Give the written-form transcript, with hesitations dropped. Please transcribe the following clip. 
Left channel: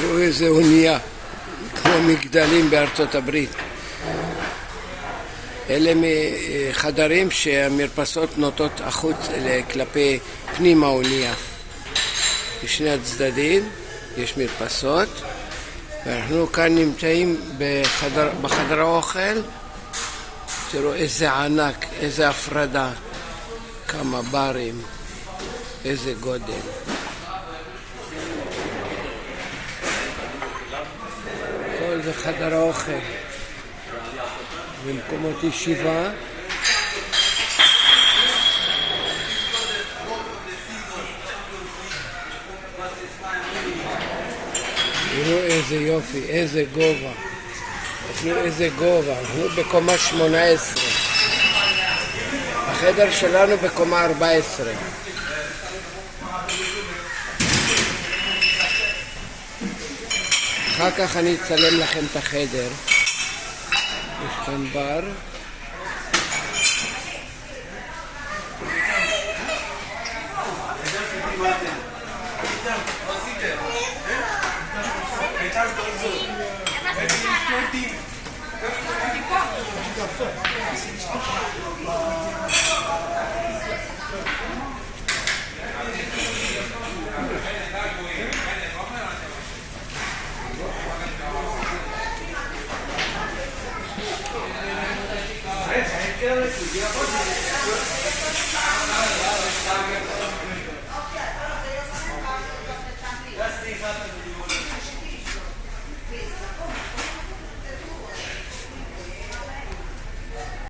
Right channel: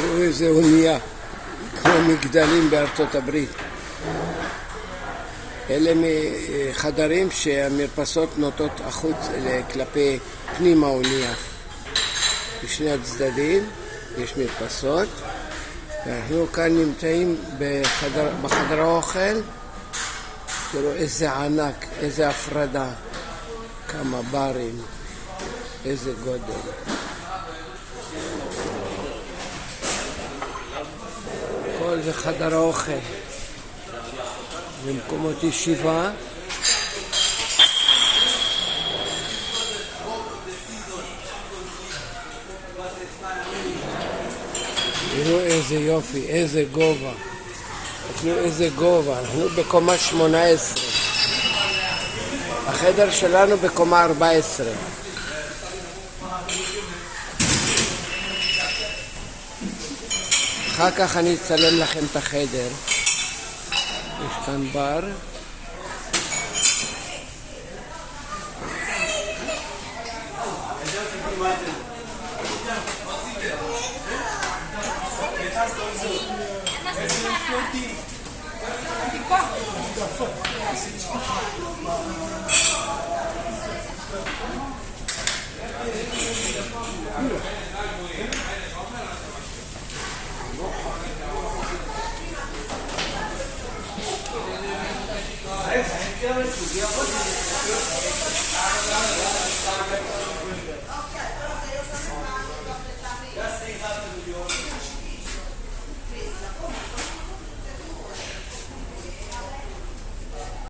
תראו איזה אונייה, כמו מגדלים בארצות הברית. אלה חדרים שהמרפסות נוטות החוץ כלפי פנים האונייה. בשני הצדדים יש מרפסות, ואנחנו כאן נמצאים בחדר האוכל. תראו איזה ענק, איזה הפרדה, כמה ברים, איזה גודל. כל זה חדר האוכל ומקומות ישיבה. תראו איזה יופי, איזה גובה. תראו איזה גובה. אנחנו בקומה 18. החדר שלנו בקומה 14. אחר כך אני אצלם לכם את החדר. יש כאן בר.